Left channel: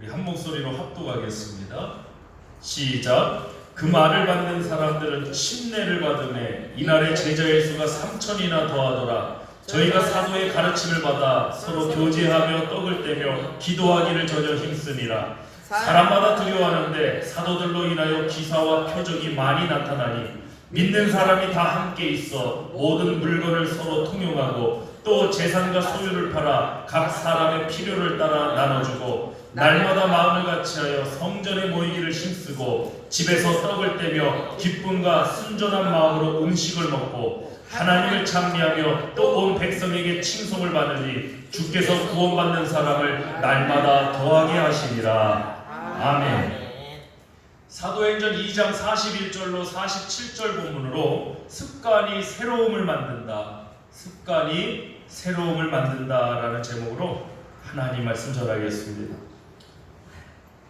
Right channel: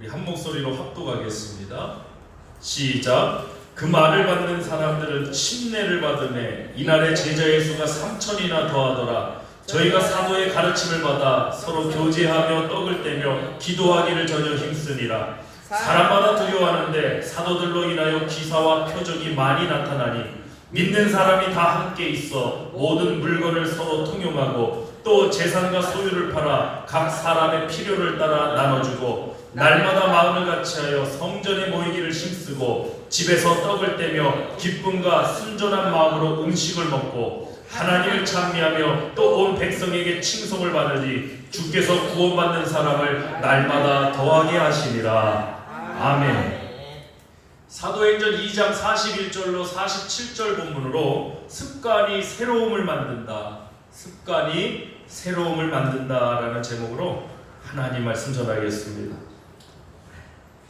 우리 한 목소리로 합독하겠습니다. 시작. 그 말을 받는 사람들은 침례를 받음에 이날에 제자의 수가 3천이나 더하더라. 저희가 사도의 가르침을 받아 서로 교제하며 떡을 떼며 기도하기를 전혀 힘쓰니라. 사람마다 두려워하는데 사도들로 인하여 기사와 표적이 많이 나타나니 믿는 사람이 다 함께 있어 모든 물건을 서로 통용하고 또 재산과 소유를 팔아 각 사람의 필요를 따라 나눠주고 날마다 마음을 같이하여 성전에 모이기를 힘쓰고 집에서 떡을 떼며 기쁨과 순전한 마음으로 음식을 먹고 하나님을 찬미하며 또 온 백성에게 칭송을 받으니 주께서 구원받는 사람을 날마다 더하게 하시리라. 아멘. 사도행전 2장 41절로 47절 본문으로 습관이 새로움을 만든다. 습관이 새로움을 만든다라는 제목으로 하나님 말씀 전하겠습니다.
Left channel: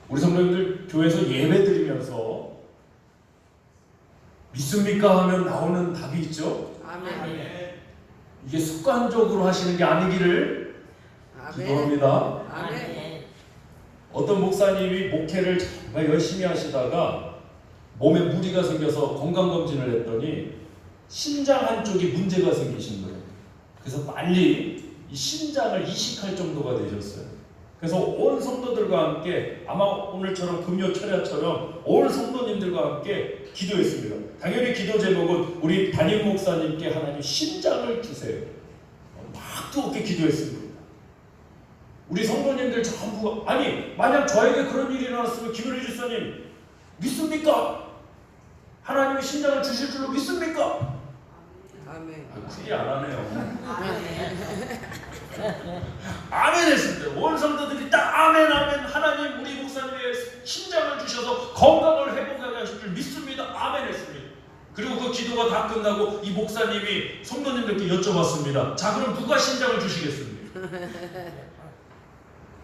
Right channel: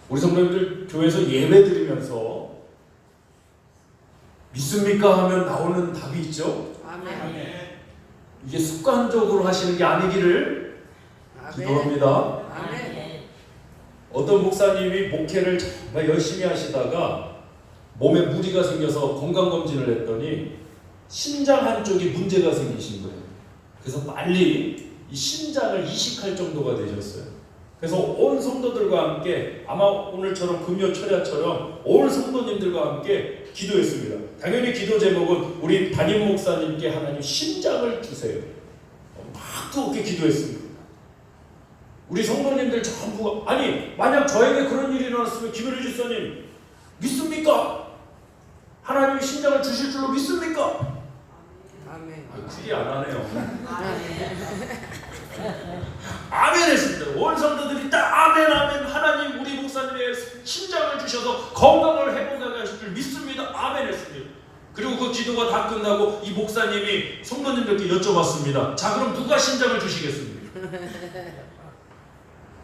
우리 성도님들 교회에서 예배 드리면서 믿습니까 하면 나오는 답이 있죠. 아멘. 이게 습관적으로 하시는 게 아니기를 기도합니다. 아멘. 어떤 목사님이 목회를 정말 열심히 하시다가 몸에 무리가 생겨서 건강검진을 했더니 신장 한쪽이 문제가 생기신 거예요. 그래서 빨리 이 신장을 이식할 정도가 되셨어요. 그래서 온 성도들과 함께 아마 오늘처럼 금요 철야처럼 온 성도님들과 함께 기도했습니다. 당연히 기도 제목은 우리 담임 목사님께 하나님 신장을 주세요. 막 뜨겁게 기도했습니다. 우리 성도님들 전부가 아니 만약 저에게 그런 일이 일어났으면 김효리 집사님 믿습니까? 하나님이 신장을 주실 줄로 믿습니까? 아멘. 크게 안 하네요. 아멘 했습니다. 온 성도들이 딱 아멘 아멘 하나님 우리 목사님의 신장을 주셔서 건강을 회복하게 하실 줄 믿습니다. 아멘 했습니다. 그리고 그 기도가 다 끝나고 이 목사님이 성도님들께 여쭤봤습니다. 자 그럼 누가 신장을 주시겠습니까?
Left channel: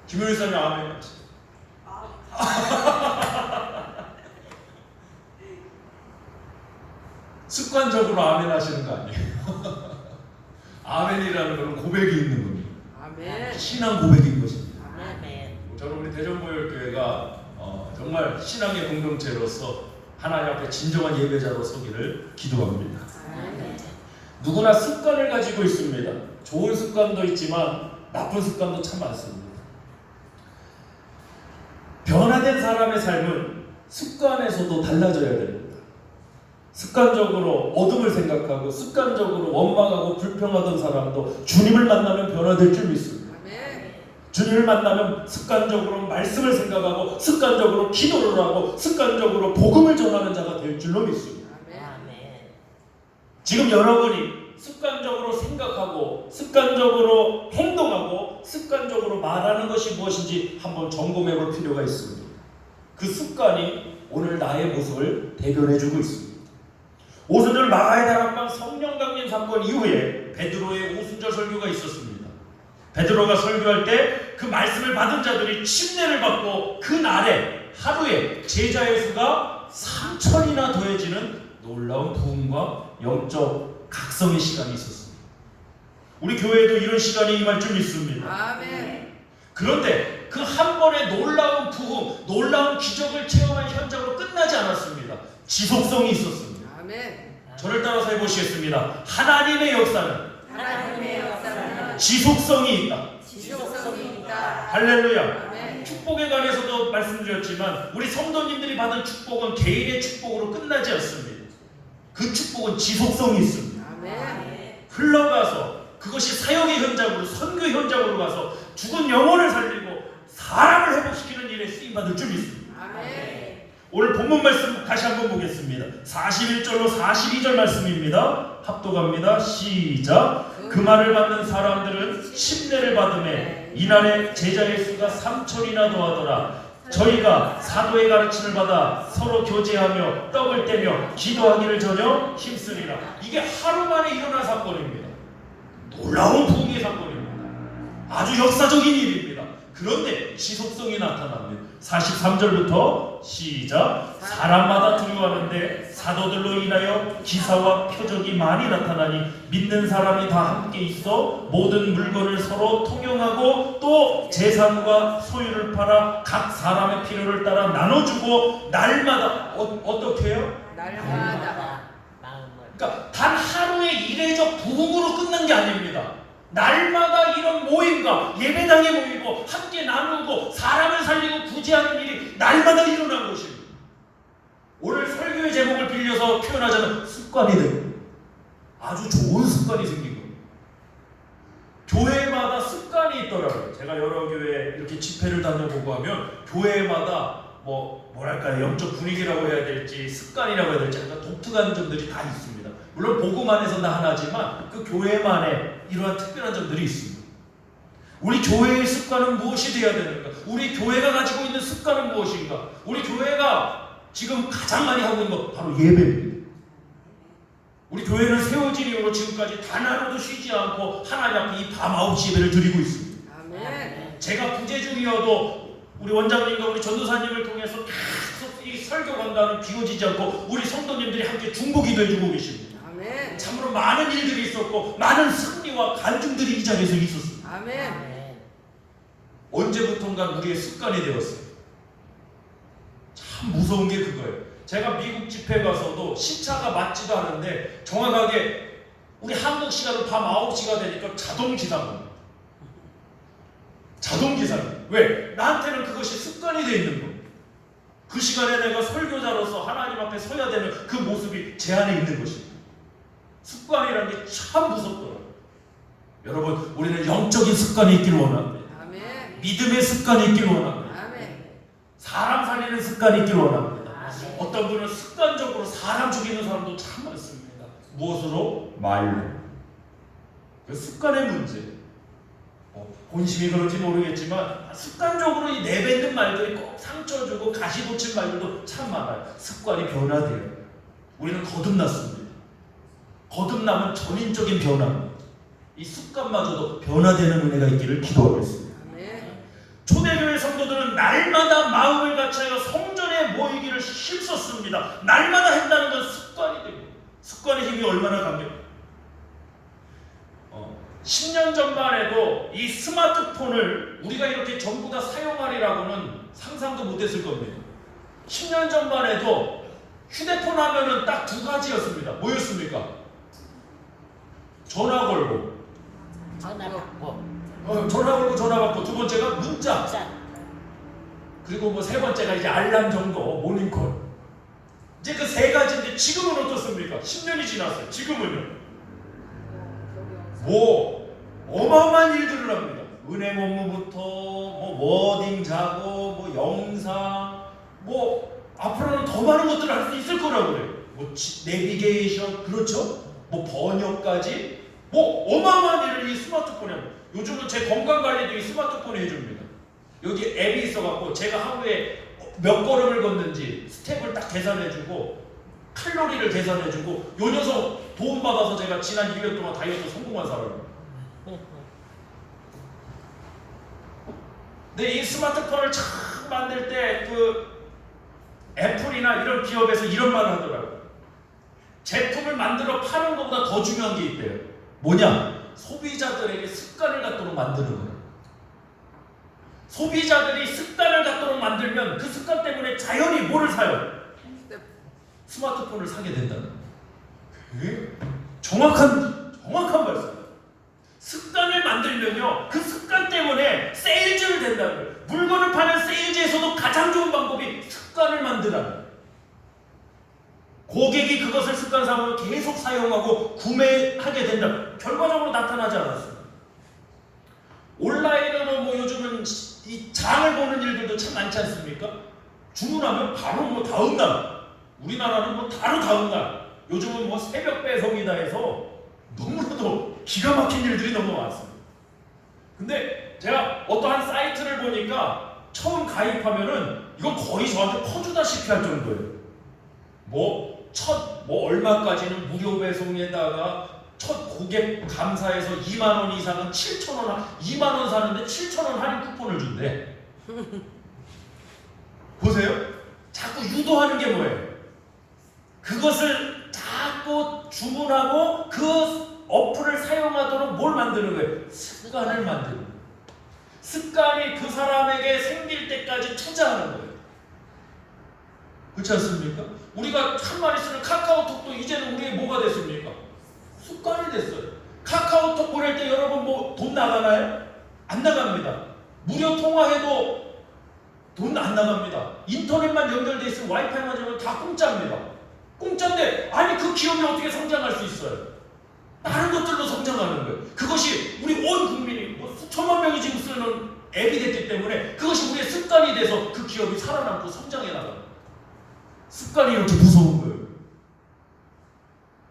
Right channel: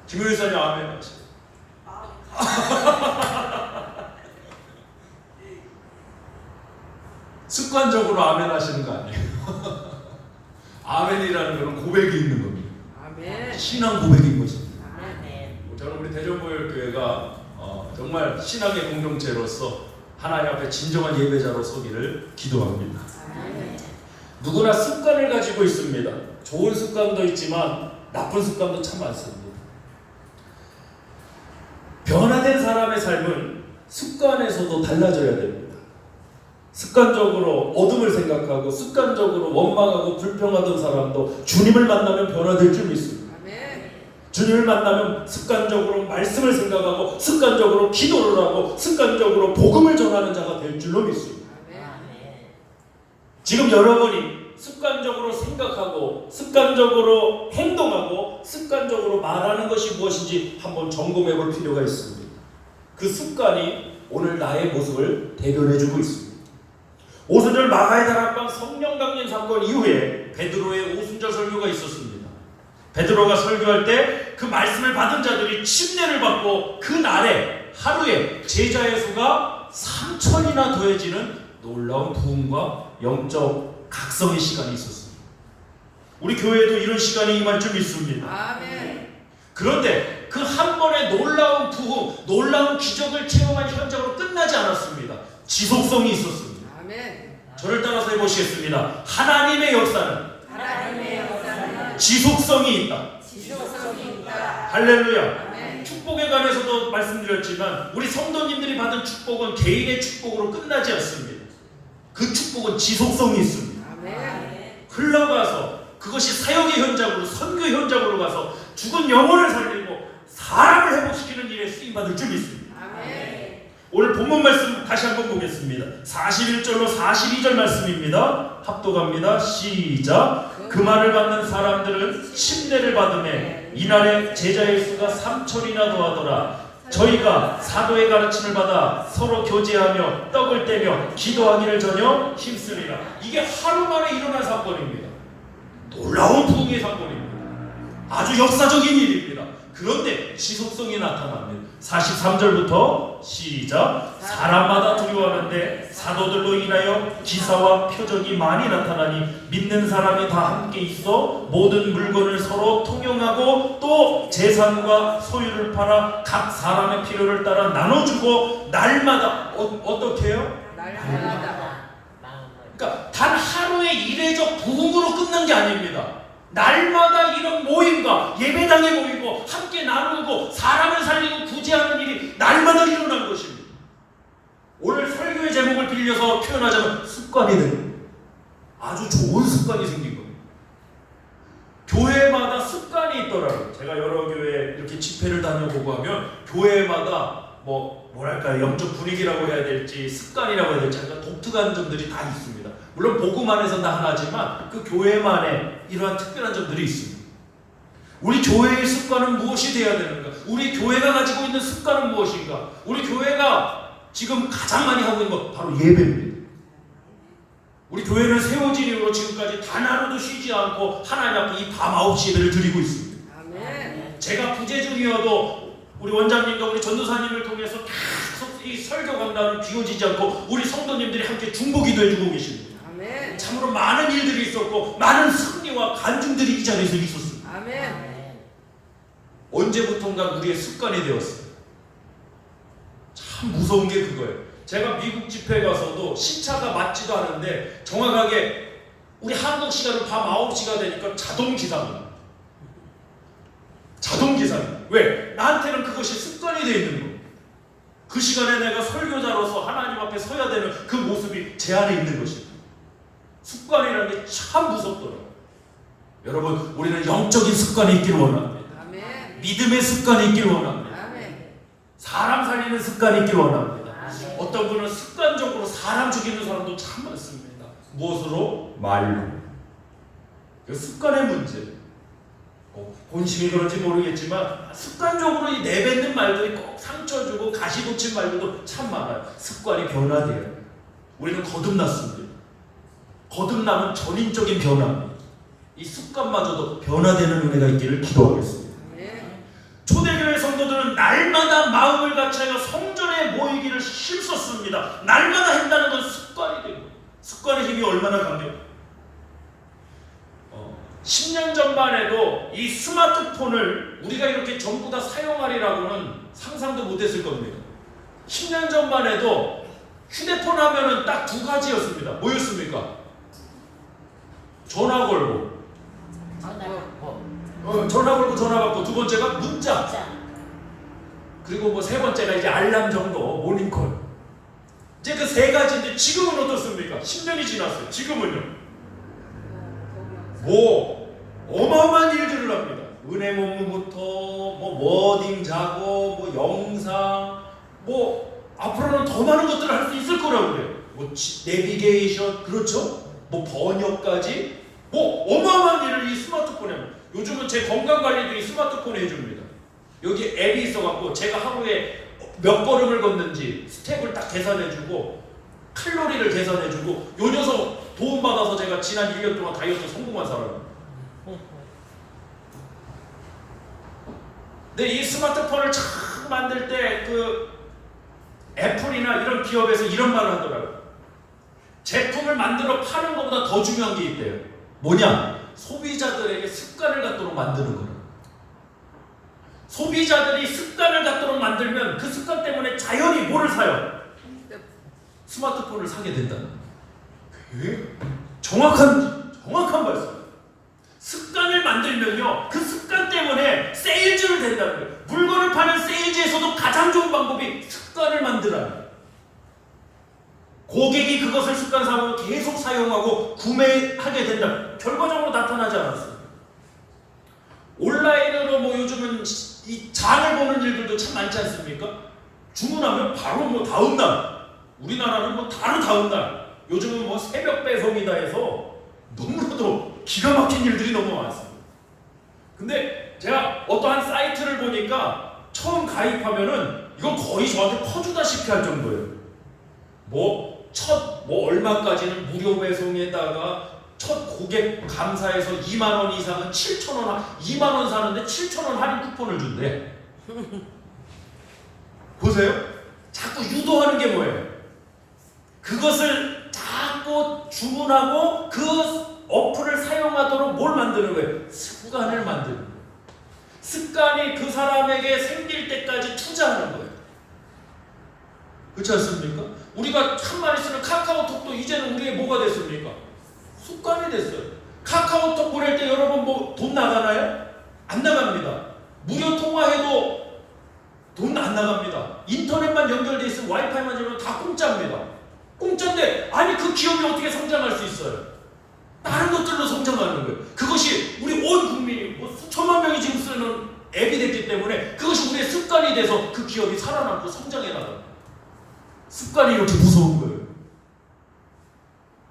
김효리 사님 아멘 하시죠. 습관적으로 아멘 하시는 거 아니에요. 아멘이라는 것은 고백이 있는 겁니다. 아멘. 신앙 고백인 것입니다. 아멘. 저는 우리 대전보혈교회가 정말 신앙의 공동체로서 하나님 앞에 진정한 예배자로 서기를 기도합니다. 아멘. 누구나 습관을 가지고 있습니다. 좋은 습관도 있지만 나쁜 습관도 참 많습니다. 변화된 사람의 삶은 습관에서도 달라져야 됩니다. 습관적으로 어둠을 생각하고 습관적으로 원망하고 불평하던 사람도 주님을 만나면 변화될 줄 믿습니다. 아멘. 주님을 만나면 습관적으로 말씀을 생각하고 습관적으로 기도를 하고 습관적으로 복음을 전하는 자가 될 줄로 믿습니다. 아멘. 지금 여러분이 습관적으로 생각하고 습관적으로 행동하고 습관적으로 말하는 것이 무엇인지 한번 점검해 볼 필요가 있습니다. 그 습관이 오늘 나의 모습을 대변해주고 있습니다. 오순절 마가의 다락방 성령 강림 사건 이후에 베드로의 오순절 설교가 있었습니다. 베드로가 설교할 때 그 말씀을 받은 자들이 침례를 받고 그 날에 하루에 제자의 수가 3천이나 더해지는 놀라운 부흥과 영적 각성의 시간이 있었습니다. 우리 교회에도 이런 시간이 임할 줄 믿습니다. 아멘. 그런데 그 한 번의 놀라운 부흥, 놀라운 기적을 체험한 현장으로 끝나지 않았습니다. 지속성이 있었습니다. 아멘. 저를 따라서 해보시겠습니다. 하나님의 역사는 지속성이 있다. 지속성이 있다. 할렐루야. 아멘. 축복에 관해서도 말씀드렸지만 우리 성도님들이 받은 축복은 개인의 축복으로 끝나지 않습니다. 그 축복은 지속성이 있습니다. 아멘. 흘러가서 그것이 사역의 현장으로 선교 현장으로 가서 죽은 영혼을 살리고 사람을 회복시키는 일에 쓰임받을 줄 믿습니다. 아멘. 오늘 본문 말씀 다시 한번 보겠습니다. 41절로 42절 말씀입니다. 합독합니다. 시작. 그 말을 받는 사람들은 침례를 받음에 이날에 제자의 수가 3천이나 더하더라. 저희가 사도의 가르침을 받아 서로 교제하며 떡을 떼며 기도하기를 전혀 힘쓰리라. 이게 하루 만에 일어난 사건입니다. 놀라운 부흥의 사건입니다. 아주 역사적인 일입니다. 그런데 지속성이 나타납니다. 43절부터 시작. 사람마다 두려워하는데 사도들로 인하여 기사와 표적이 많이 나타나니 믿는 사람이 다 함께 있어 모든 물건을 서로 통용하고 또 재산과 소유를 팔아 각 사람의 필요를 따라 나눠주고 날마다 어떻게 해요? 날마다. 그러니까 단 하루의 이례적 부흥으로 끝난 게 아닙니다. 날마다 이런 모임과 예배당에 모이고 함께 나누고 사람을 살리고 구제하는 일이 날마다 일어난 것입니다. 오늘 설교의 제목을 빌려서 표현하자면 습관이 되는, 아주 좋은 습관이 생긴 겁니다. 교회마다 습관이 있더라고요. 제가 여러 교회 이렇게 집회를 다녀보고 하면 교회마다 뭐랄까 영적 분위기라고 해야 될지 습관이라고 해야 될지 약간 독특한 점들이 다 있습니다. 물론 복음 안에서 다 하나지만 그 교회만의 이러한 특별한 점들이 있습니다. 우리 교회의 습관은 무엇이 되어야 되는가? 우리 교회가 가지고 있는 습관은 무엇인가? 우리 교회가 지금 가장 많이 하고 있는 것 바로 예배입니다. 우리 교회는 세워진 이후로 지금까지 단 하루도 쉬지 않고 하나님 앞에 이 밤 9시 예배를 드리고 있습니다. 아멘. 제가 부재 중이어도 우리 원장님과 우리 전도사님을 통해서 계속 이 설교 강단이 비워지지 않고 우리 성도님들이 함께 중보기도 해주고 계십니다. 아멘. 참으로 많은 일들이 있었고 많은 승리와 간증들이 이 자리에서 있었습니다. 아멘. 언제부턴가 우리의 습관이 되었어요. 참 무서운 게 그거예요. 제가 미국 집회 가서도 시차가 맞지도 않은데 정확하게 우리 한국 시간은 밤 9시가 되니까 자동 기상입니다. 자동 기상. 왜? 나한테는 그것이 습관이 되어 있는 거. 그 시간에 내가 설교자로서 하나님 앞에 서야 되는 그 모습이 제 안에 있는 것입니다. 습관이라는 게 참 무섭더라고요. 여러분, 우리는 영적인 습관이 있기를 원합니다. 아멘. 믿음의 습관이 있기를 원합니다. 아멘. 사람 살리는 습관이 있기를 원합니다. 아멘. 어떤 분은 습관적으로 사람 죽이는 사람도 참 많습니다. 무엇으로? 말로. 그 습관의 문제. 본심이 그런지 모르겠지만 습관적으로 이 내뱉는 말들이 꼭 상처 주고 가시 붙인 말들도 참 많아요. 습관이 변화돼요. 우리는 거듭났습니다. 거듭남은 전인적인 변화입니다. 이 습관마저도 변화되는 은혜가 있기를 기도하겠습니다. 아멘. 초대교회 성도들은 날마다 마음을 같이하여 성전에 모이기를 힘썼습니다. 날마다 한다는 건 습관이 됩니다. 습관의 힘이 얼마나 강력해요. 10년 전만 해도 이 스마트폰을 우리가 이렇게 전부 다 사용하리라고는 상상도 못했을 겁니다. 10년 전만 해도 휴대폰 하면은 딱 두 가지였습니다. 뭐였습니까? 전화 걸고, 전화 걸고 전화 받고, 두 번째가 문자, 그리고 세 번째가 이제 알람 정도, 모닝콜. 이제 그 세 가지인데 지금은 어떻습니까? 10년이 지났어요. 지금은요. 어마어마한 일들을 합니다. 은행 업무부터 워딩 작업, 영상, 앞으로는 더 많은 것들을 할 수 있을 거라고 그래요. 내비게이션, 그렇죠? 번역까지, 어마어마한 일을 이 스마트폰에 합니다. 요즘은 제 건강 관리도 이 스마트폰에 해줍니다. 여기 앱이 있어갖고 제가 하루에 몇 걸음을 걷는지 스텝을 딱 계산해주고 칼로리를 계산해주고, 요 녀석 도움받아서 제가 지난 1년 동안 다이어트 성공한 사람입니다. 근데 이 스마트폰을 처음 만들 때 그 애플이나 이런 기업에서 이런 말을 하더라고요. 제품을 만들어 파는 것보다 더 중요한 게 있대요. 뭐냐? 소비자들에게 습관을 갖도록 만드는 거예요. 소비자들이 습관을 갖도록 만들면 그 습관 때문에 자연히 뭐를 사요? 스마트폰을 사게 된다는 거예요. 정확한 말씀. 습관을 만들면요, 그 습관 때문에 세일즈를 된다는 거예요. 물건을 파는 세일즈에서도 가장 좋은 방법이 습관을 만들라는 거예요. 고객이 그것을 습관상으로 계속 사용하고 구매하게 된다. 결과적으로 나타나지 않았어요. 온라인으로 요즘은 이 장을 보는 일들도 참 많지 않습니까? 주문하면 바로 다음 날, 우리나라는 바로 다음 날, 요즘은 새벽 배송이다 해서 너무나도 기가 막힌 일들이 너무 많습니다. 근데 제가 어떠한 사이트를 보니까 처음 가입하면은 이건 거의 저한테 퍼주다시피 할 정도예요. 얼마까지는 무료 배송에다가 첫 고객 감사해서 2만 원 이상은 7천 원, 2만 원 사는데 7천 원 할인 쿠폰을 준대. 보세요. 자꾸 유도하는 게 뭐예요? 그것을 자꾸 주문하고 그 어플을 사용하도록 뭘 만드는 거예요? 습관을 만드는 거예요. 습관이 그 사람에게 생길 때까지 투자하는 거예요. 그렇지 않습니까? 우리가 한마디 쓰는 카카오톡도 이제는 우리의 뭐가 됐습니까? 습관이 됐어요. 카카오톡 보낼 때 여러분 뭐 돈 나가나요? 안 나갑니다. 무료 통화해도 돈 안 나갑니다. 인터넷만 연결돼 있으면 와이파이만 되면 다 공짜입니다. 공짜인데 아니 그 기업이 어떻게 성장할 수 있어요? 다른 것들로 성장하는 거예요. 그것이 우리 온 국민이 뭐 수천만 명이 지금 쓰는 앱이 됐기 때문에 그것이 우리의 습관이 돼서 그 기업이 살아남고 성장해 나가요. 습관이 이렇게 무서운 거예요.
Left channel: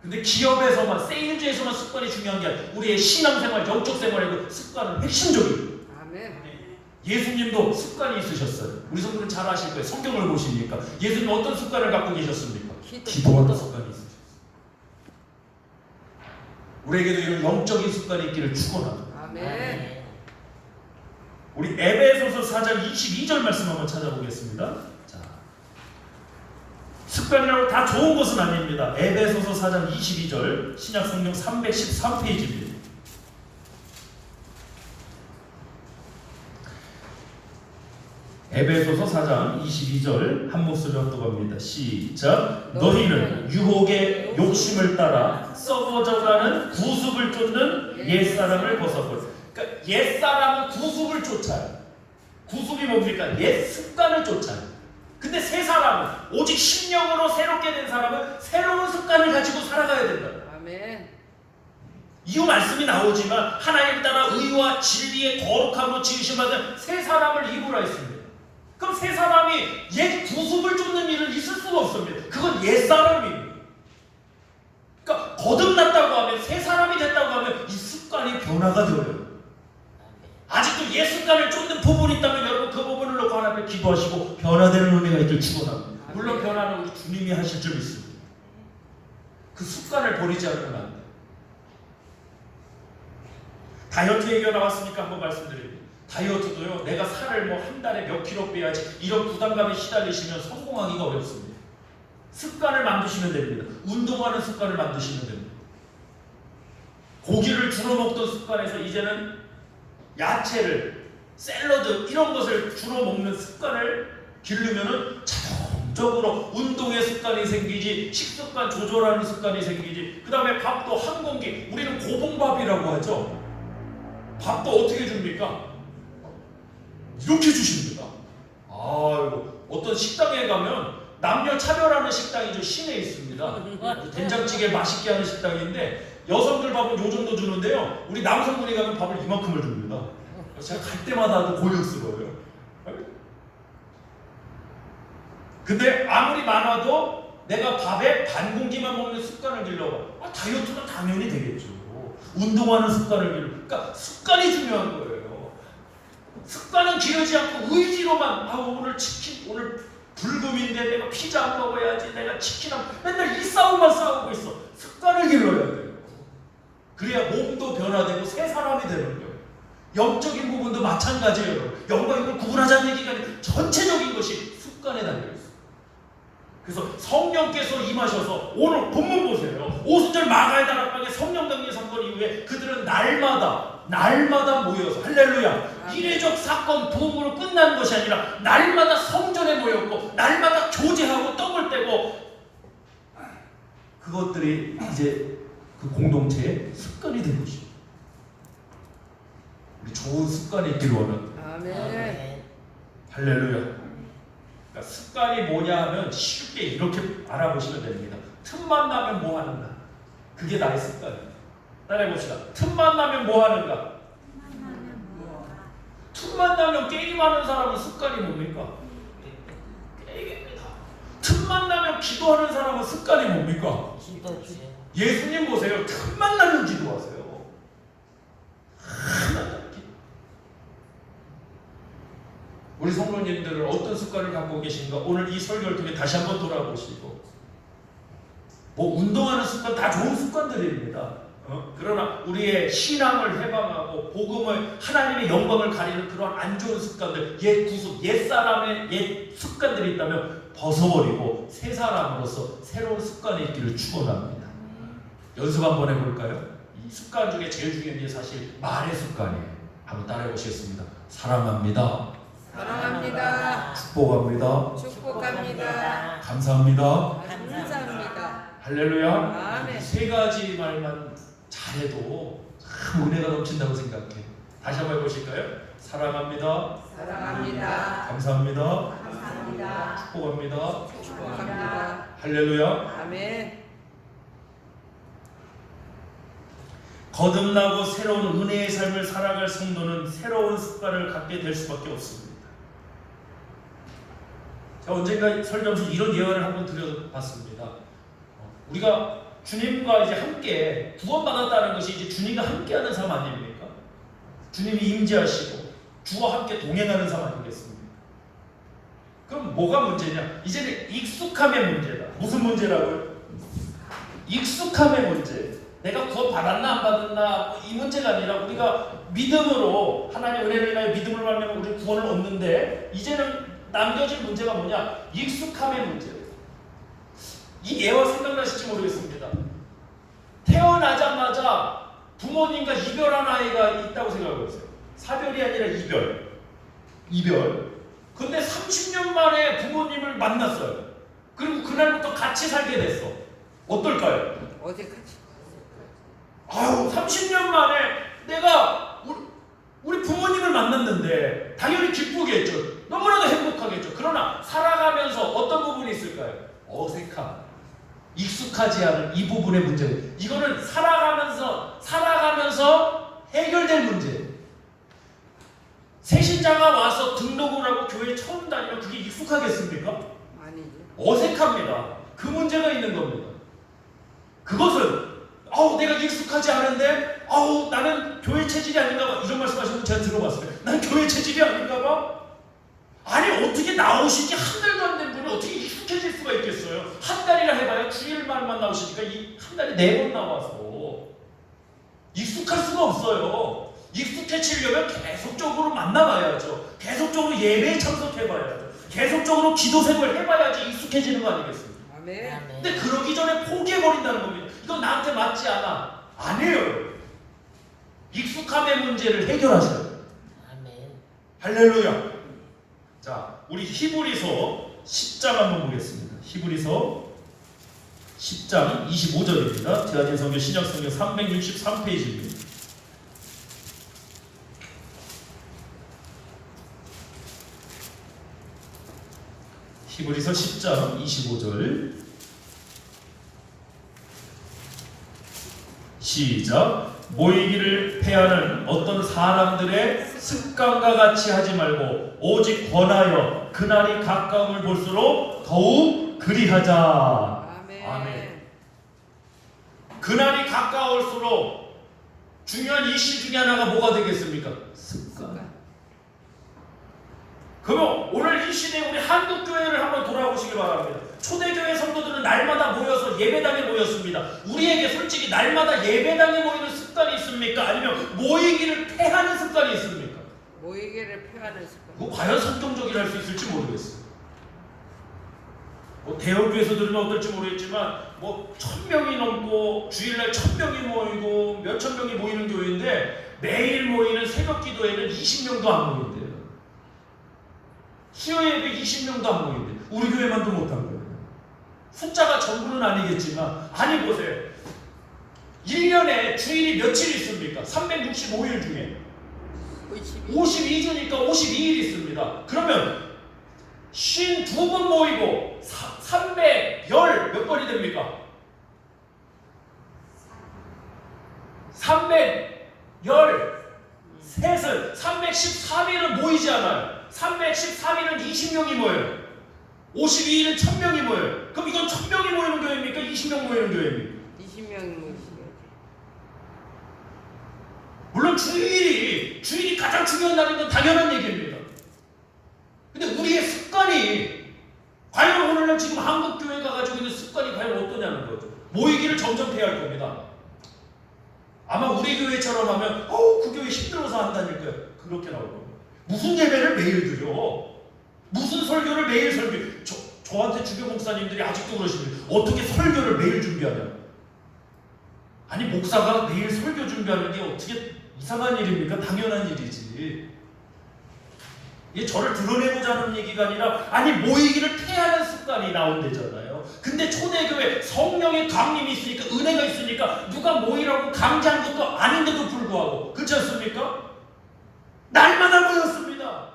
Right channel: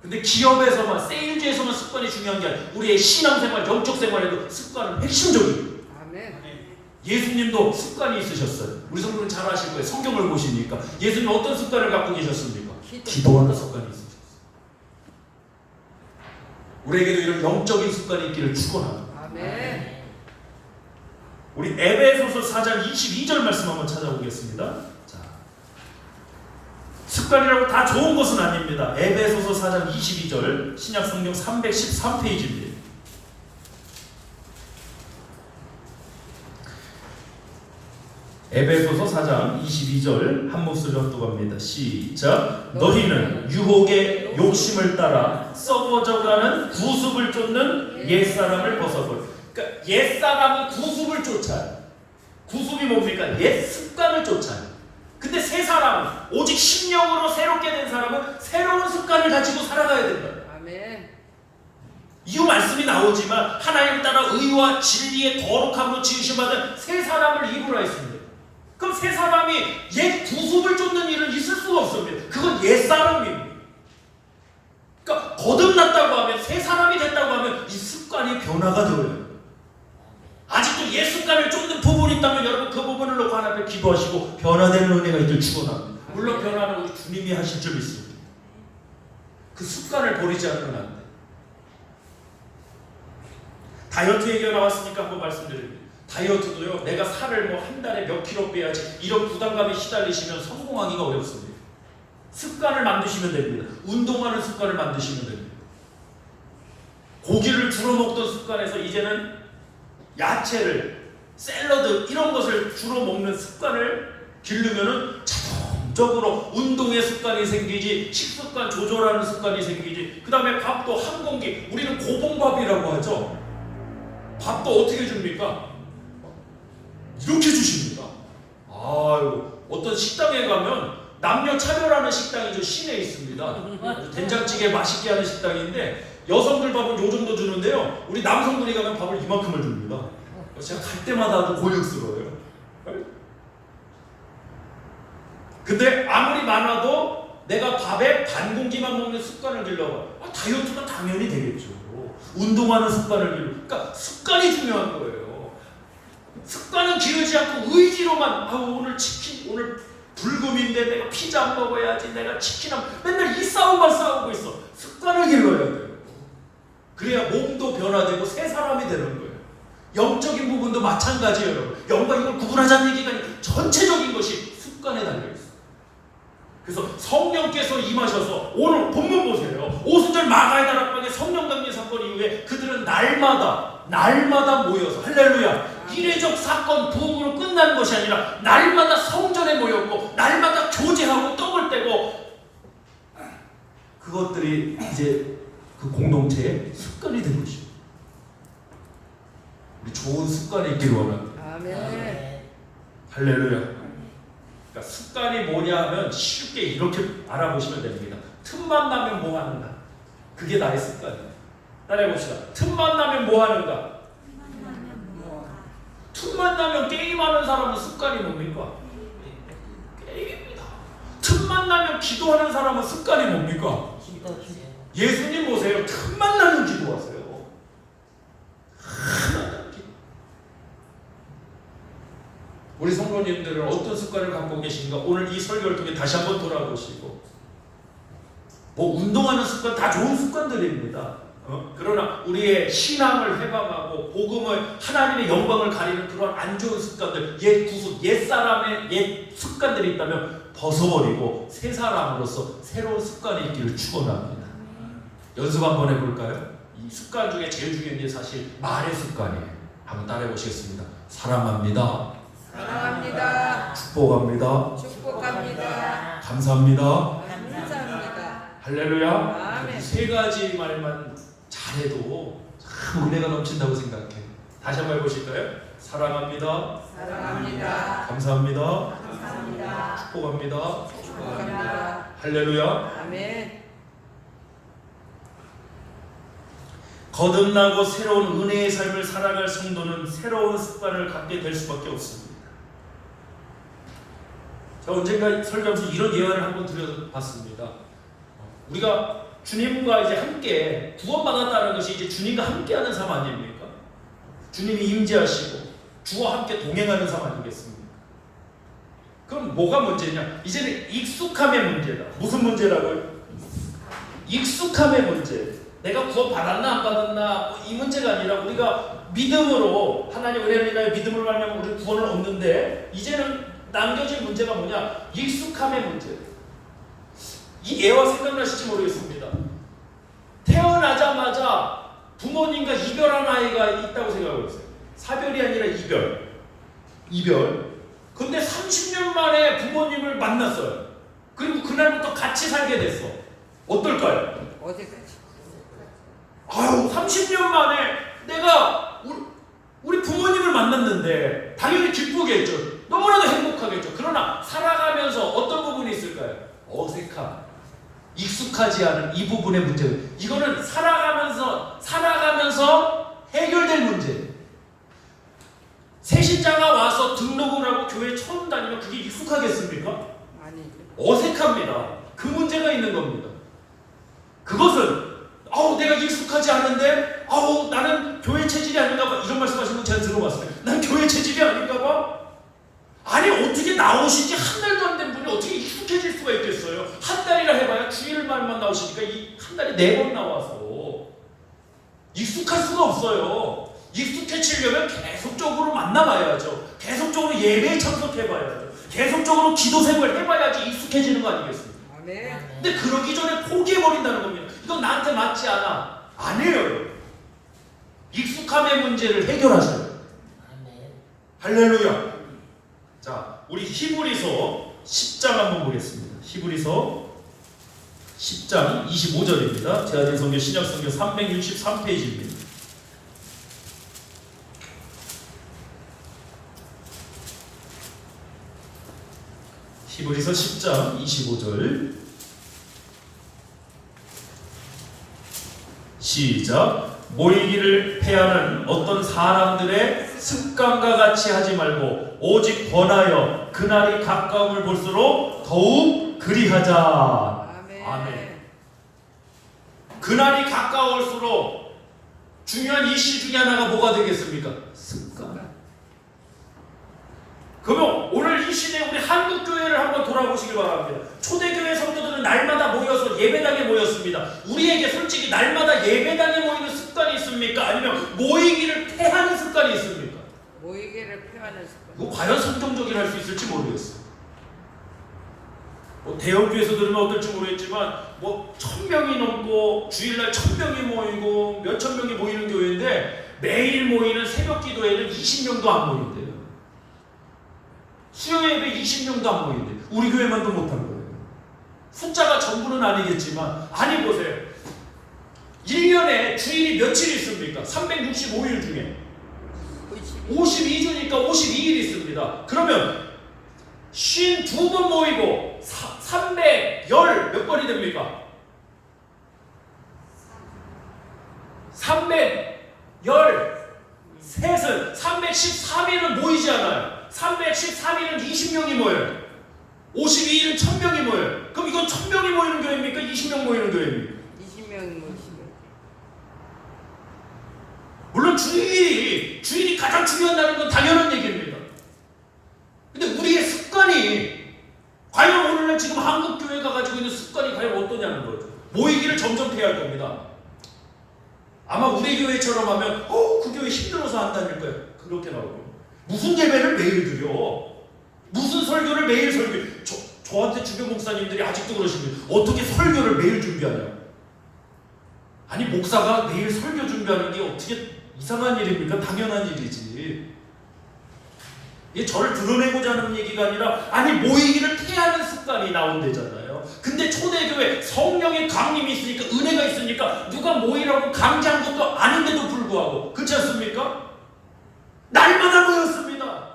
근데 기업에서만 세일즈에서만 습관이 중요한 게 아니라 우리의 신앙생활, 영적 생활에도 습관은 핵심적이에요. 아멘. 예수님도 습관이 있으셨어요. 우리 성도는 잘 아실 거예요. 성경을 보시니까 예수님 어떤 습관을 갖고 계셨습니까? 기도하는 습관이 있으셨어요. 우리에게도 이런 영적인 습관이 있기를 축원합니다. 아멘. 우리 에베소서 4장 22절 말씀 한번 찾아보겠습니다. 자, 습관이라고 다 좋은 것은 아닙니다. 에베소서 4장 22절 신약 성경 313페이지입니다. 에베소서 4장 22절 한 목소리 합독합니다. 시작. 너희는 유혹의 욕심을 따라 썩어져가는 구습을 쫓는 옛사람을 벗어버려. 그러니까 옛사람은 구습을 쫓아요. 구습이 뭡니까? 옛 습관을 쫓아요. 근데 새 사람은 오직 심령으로 새롭게 된 사람은 새로운 습관을 가지고 살아가야 된다. 아멘. 이 말씀이 나오지만 하나님 따라 의와 진리의 거룩함으로 지으심받은 새 사람을 입으라 했습니다. 그럼 새 사람이 옛 구습을 쫓는 일은 있을 수가 없습니다. 그건 옛 사람입니다. 그러니까 거듭났다고 하면 새 사람이 됐다고 하면 이 습관이 변화가 되어요. 아직도 옛 습관을 쫓는 부분이 있다면 여러분 그 부분을 놓고 하나님께 기도하시고 변화되는 은혜가 있길 축원합니다. 물론 변화는 우리 주님이 하실 줄 믿습니다. 그 습관을 버리지 않으면 안 돼. 다이어트 얘기가 나왔으니까 한번 말씀드립니다. 다이어트도요, 내가 살을 뭐 한 달에 몇 킬로 빼야지 이런 부담감에 시달리시면 성공하기가 어렵습니다. 습관을 만드시면 됩니다. 운동하는 습관을 만드시면 됩니다. 고기를 주로 먹던 습관에서 이제는 야채를, 샐러드 이런 것을 주로 먹는 습관을 기르면은 자동적으로 운동의 습관이 생기지, 식습관 조절하는 습관이 생기지. 그 다음에 밥도 한 공기, 우리는 고봉밥이라고 하죠. 밥도 어떻게 줍니까? 이렇게 주십니다. 아이고, 어떤 식당에 가면 남녀 차별하는 식당이죠. 시내에 있습니다. 된장찌개 맛있게 하는 식당인데 여성들 밥은 요 정도 주는데요. 우리 남성분이 가면 밥을 이만큼을 줍니다. 제가 갈 때마다 고역스러워요. 근데 아무리 많아도 내가 밥에 반 공기만 먹는 습관을 길러봐. 다이어트가 당연히 되겠죠. 운동하는 습관을 길러. 그러니까 습관이 중요한 거예요. 습관은 기르지 않고 의지로만 오늘 치킨, 오늘 불금인데 내가 피자 안 먹어야지, 내가 치킨 안, 맨날 이 싸움만 싸우고 있어. 습관을 길러야 돼요. 그래야 몸도 변화되고 새 사람이 되는 거예요. 영적인 부분도 마찬가지예요. 영과 육을 구분하자는 얘기가 아니라 전체적인 것이 습관에 달려있어요. 그래서 성령께서 임하셔서 오늘 본문 보세요. 오순절 마가의 다락방에 성령 강림 사건 이후에 그들은 날마다 모여서 할렐루야, 이례적 사건 부흥으로 끝나는 것이 아니라 날마다 성전에 모였고 날마다 교제하고 떡을 떼고, 그것들이 이제 그 공동체의 습관이 된 것입니다. 우리 좋은 습관이 있기를 원합니다. 아멘. 할렐루야. 그러니까 습관이 뭐냐 하면 쉽게 이렇게 알아보시면 됩니다. 틈만 나면 뭐 하는가? 그게 나의 습관이에요. 따라해봅시다. 틈만 나면 뭐 하는가? 틈만 나면 게임하는 사람은 습관이 뭡니까? 게임입니다. 틈만 나면 기도하는 사람은 습관이 뭡니까? 예수님 보세요. 틈만 나면 기도하세요. 우리 성도님들은 어떤 습관을 갖고 계신가? 오늘 이 설교를 통해 다시 한번 돌아보시고, 뭐 운동하는 습관 다 좋은 습관들입니다. 그러나 우리의 신앙을 해방하고 복음을 하나님의 영광을 가리는 그런 안 좋은 습관들, 옛 구습, 옛 사람의 옛 습관들이 있다면 벗어버리고 새 사람으로서 새로운 습관이 있기를 축원합니다. 연습 한번 해볼까요? 이 습관 중에 제일 중요한 게 사실 말의 습관이에요. 한번 따라해 보시겠습니다. 사랑합니다. 사랑합니다. 축복합니다. 축복합니다. 감사합니다. 감사합니다. 할렐루야. 아멘. 세 가지 말만 잘해도 참 은혜가 넘친다고 생각해. 다시 한번 해보실까요? 사랑합니다. 사랑합니다. 감사합니다. 감사합니다. 축복합니다. 축복합니다. 할렐루야. 아멘. 거듭나고 새로운 은혜의 삶을 살아갈 성도는 새로운 습관을 갖게 될 수밖에 없습니다. 제가 언젠가 설교하면서 이런 예언을 한번 드려봤습니다. 우리가 주님과 이제 함께 구원받았다는 것이 이제 주님과 함께하는 삶 아닙니까? 주님이 임재하시고 주와 함께 동행하는 삶 아니겠습니까? 그럼 뭐가 문제냐? 이제는 익숙함의 문제다. 무슨 문제라고요? 익숙함의 문제. 내가 구원 받았나 안 받았나 이 문제가 아니라 우리가 믿음으로 하나님 은혜를 인하여 믿음을 말하면 우리 구원을 얻는데 이제는 남겨진 문제가 뭐냐? 익숙함의 문제. 이 예화 생각나실지 모르겠습니다. 태어나자마자 부모님과 이별한 아이가 있다고 생각해보세요. 사별이 아니라 이별. 근데 30년 만에 부모님을 만났어요. 그리고 그날부터 같이 살게 됐어. 어떨까요? 어디까지? 아유, 30년 만에 내가 우리 부모님을 만났는데 당연히 기쁘겠죠. 너무나도 행복하겠죠. 그러나 살아가면서 어떤 부분이 있을까요? 어색함, 익숙하지 않은 이 부분의 문제. 이거는 살아가면서 해결될 문제예요. 새신자가 와서 등록을 하고 교회 처음 다니면 그게 익숙하겠습니까? 아니지. 어색합니다. 그 문제가 있는 겁니다. 그것은 내가 익숙하지 않은데 나는 교회 체질이 아닌가 봐. 이런 말씀하시는 거 제가 들어봤어요. 난 교회 체질이 아닌가 봐. 아니 어떻게 나오신 지 한 달도 안 된 분이 어떻게 익숙해질 수가 있겠어요. 한 달이라 해봐야 주일만만 나오시니까 이 한 달에 4번 나와서 익숙할 수가 없어요. 익숙해지려면 계속적으로 만나봐야죠. 계속적으로 예배에 참석해봐야죠. 계속적으로 기도 생활 해봐야지 익숙해지는 거 아니겠습니까? 아멘. 근데 그러기 전에 포기해버린다는 겁니다. 이건 나한테 맞지 않아. 아니에요. 익숙함의 문제를 해결하셔요. 아멘. 할렐루야. 자, 우리 히브리서 10장 한번 보겠습니다. 히브리서 10장 25절입니다. 제아진 성경 신약성경 363페이지입니다. 히브리서 10장 25절 시작. 모이기를 패하는 어떤 사람들의 습관과 같이 하지 말고 오직 권하여 그날이 가까움을 볼수록 더욱 그리하자. 아멘. 아멘. 그날이 가까울수록 중요한 이슈 중에 하나가 뭐가 되겠습니까? 습관. 그러면 오늘 이 시대에 우리 한국교회를 한번 돌아보시기 바랍니다. 초대교회 성도들은 날마다 모여서 예배당에 모였습니다. 우리에게 솔직히 날마다 예배당에 모이는 습관이 있습니까? 아니면 모이기를 패하는 습관이 있습니까? 모이기를 표하는 습관. 그거 과연 성경적이라 할 수 있을지 모르겠어요. 대형교회에서 들으면 어떨지 모르겠지만 1000명이 넘고 주일날 1000명이 모이고 몇천 명이 모이는 교회인데 매일 모이는 새벽 기도회는 20명도 안 모인대요. 수요 예배 20명도 안 모인대. 우리 교회만도 못한 거예요. 숫자가 전부는 아니겠지만 아니 보세요. 1년에 주일이 며칠 있습니까? 365일 중에 52주니까 52일 있습니다. 그러면 52번 모이고 310 몇 번이 됩니까? 313은 313일은 모이지 않아요. 313일은 20명이 모여요. 52일은 1000명이 모여요. 그럼 이건 1000명이 모이는 교회입니까? 20명 모이는 교회입니까? 20명 모시면. 물론 주일이 가장 중요한 날인 건 당연한 얘기입니다. 근데 우리의 습관이 과연 오늘날 지금 한국 교회가 가지고 있는 습관이 과연 어떠냐는 거죠. 모이기를 점점 패할 겁니다. 아마 우리 교회처럼 하면 그 교회 힘들어서 안 다닐 거예요. 그렇게 나오고 무슨 예배를 매일 드려? 무슨 설교를 매일 설교? 저한테 주변 목사님들이 아직도 그러시는데 어떻게 설교를 매일 준비하냐? 아니 목사가 매일 설교 준비하는 게 어떻게 이상한 일입니까? 당연한 일이지. 이게 저를 드러내고자 하는 얘기가 아니라 아니 모이기를 피하는 습관이 나온대잖아요. 근데 초대교회 성령의 강림이 있으니까 은혜가 있으니까 누가 모이라고 강제한 것도 아닌데도 불구하고 그렇지 않습니까? 날마다 모였습니다.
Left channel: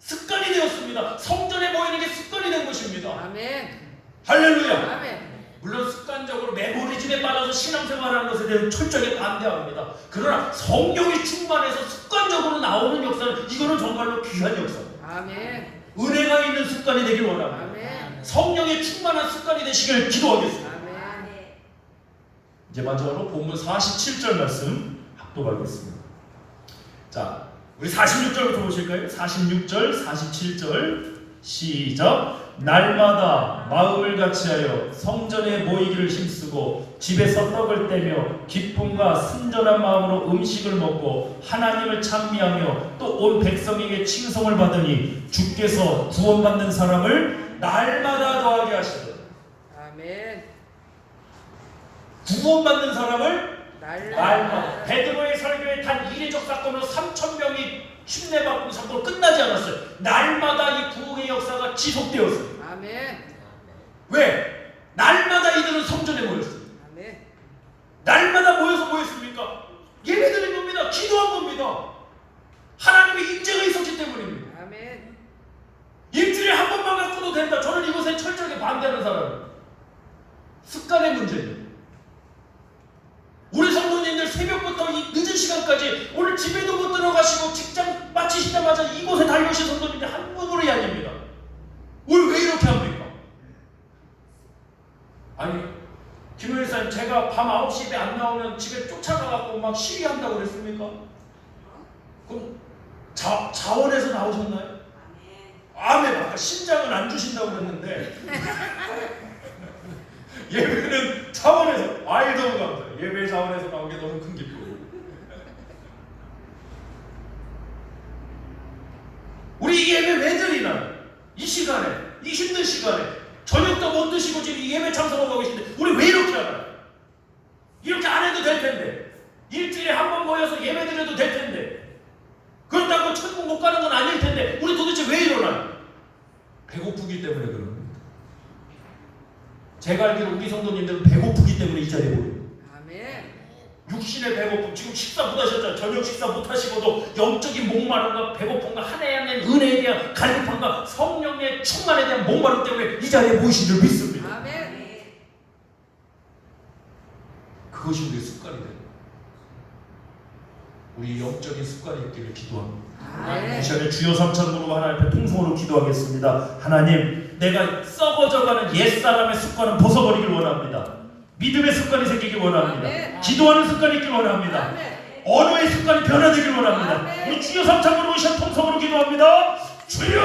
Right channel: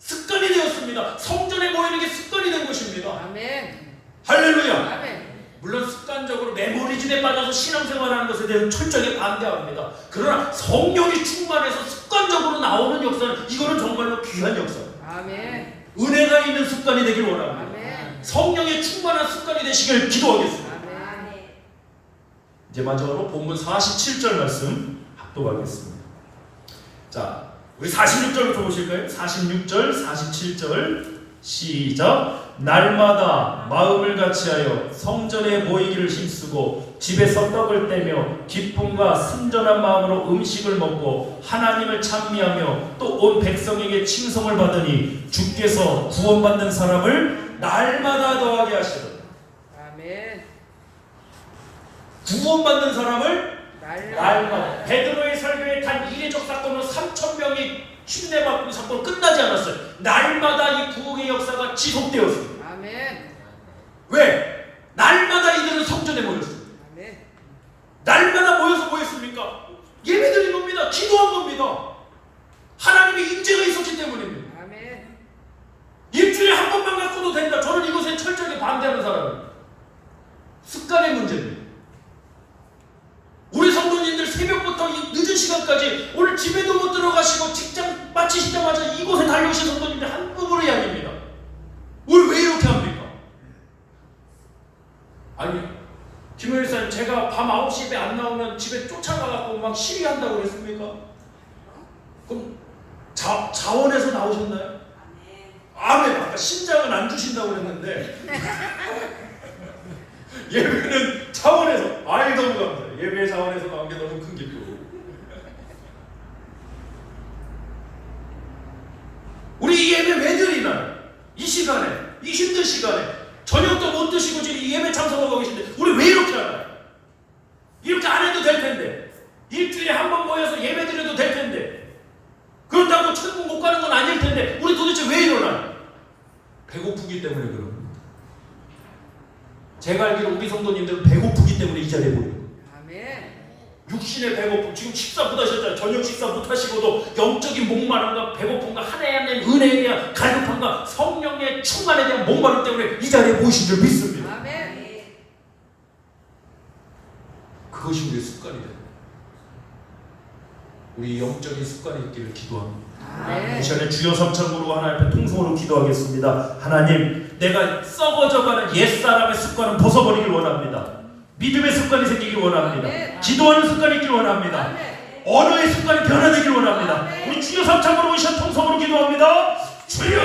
습관이 되었습니다. 성전에 모이는 게 습관이 된 것입니다. 아멘. 할렐루야. 아멘. 물론 습관적으로 메모리즘에 빠져서 신앙생활하는 것에 대해서 철저하게 반대합니다. 그러나 성령이 충만해서 습관적으로 나오는 역사는 이거는 정말로 귀한 역사입니다. 아멘. 은혜가 있는 습관이 되길 원합니다. 아멘. 성령의 충만한 습관이 되시길 기도하겠습니다. 아멘. 이제 마지막으로 본문 47절 말씀 합독하겠습니다. 자, 우리 46절부터 보실까요? 46절, 47절 시작. 날마다 마음을 같이하여 성전에 모이기를 힘쓰고 집에서 떡을 떼며 기쁨과 순전한 마음으로 음식을 먹고 하나님을 찬미하며 또 온 백성에게 칭송을 받으니 주께서 구원받는 사람을 날마다 더하게 하시더라. 아멘. 구원받는 사람을 날마다. 날마다. 베드로의 설교에 단 이례적 사건으로 3,000명이 침례받고 사건 끝나지 않았어요. 날마다 이 구원의 역사가 지속되었습니다. 아멘. 왜? 날마다 이들은 성전에 모였어요. 아멘. 날마다 모여서 뭐 했습니까? 예배드린 겁니다. 기도한 겁니다. 하나님의 임재가 있었기 때문입니다. 아멘. 일주일에 한 번만 갖고도 된다. 저는 이것에 철저하게 반대하는 사람입니다. 습관의 문제입니다. 우리 성도님들 새벽부터 이 늦은 시간까지 오늘 집에도 못 들어가시고 직장 마치시자마자 이곳에 달려오신 성도님들 한부분이 아닙니다. 오늘 왜 이렇게 합니까? 아니 김은일사님 제가 밤 9시에 안 나오면 집에 쫓아가갖고 막 시위한다고 그랬습니까? 그럼 자원에서 나오셨나요? 아멘. 아까 심장은 안 주신다고 그랬는데 예배는 차원에서 아이 너무 감사해요. 예배 차원에서 나온 게 너무 큰 기쁨. 우리 이 예배 왜 드리나요? 이 시간에 이 힘든 시간에 저녁도 못 드시고 지금 이 예배 참석하고 계신데 우리 왜 이렇게 하나요? 이렇게 안 해도 될 텐데 일주일에 한 번 모여서 예배 드려도 될 텐데 그렇다고 천국 못 가는 건 아닐 텐데 우리 도대체 왜 이러나요? 배고프기 때문에 그런 겁니다. 제가 알기로 우리 성도님들은 배고프기 때문에 이 자리에 모여요. 아멘. 육신의 배고픔, 지금 식사 못 하셨잖아요. 저녁 식사 못 하시고도 영적인 목마름과 배고픔과 하나님의 은혜에 대한 갈급함과 성령의 충만에 대한 목마름 때문에 이 자리에 모이신 줄 믿습니다. 아멘. 그것이 우리의 습관이 됩니다. 우리 영적인 습관이 있기를 기도합니다. 이 시간에 주여 삼창으로 하나님 앞에 통성으로 기도하겠습니다. 하나님, 내가 썩어져가는 옛사람의 습관은 벗어버리길 원합니다. 믿음의 습관이 생기길 원합니다. 아멘. 기도하는 습관이 있길 원합니다. 아멘. 언어의 습관이 변화되길 원합니다. 아멘. 우리 주여 삼창으로 오신 통성으로 기도합니다. 주여!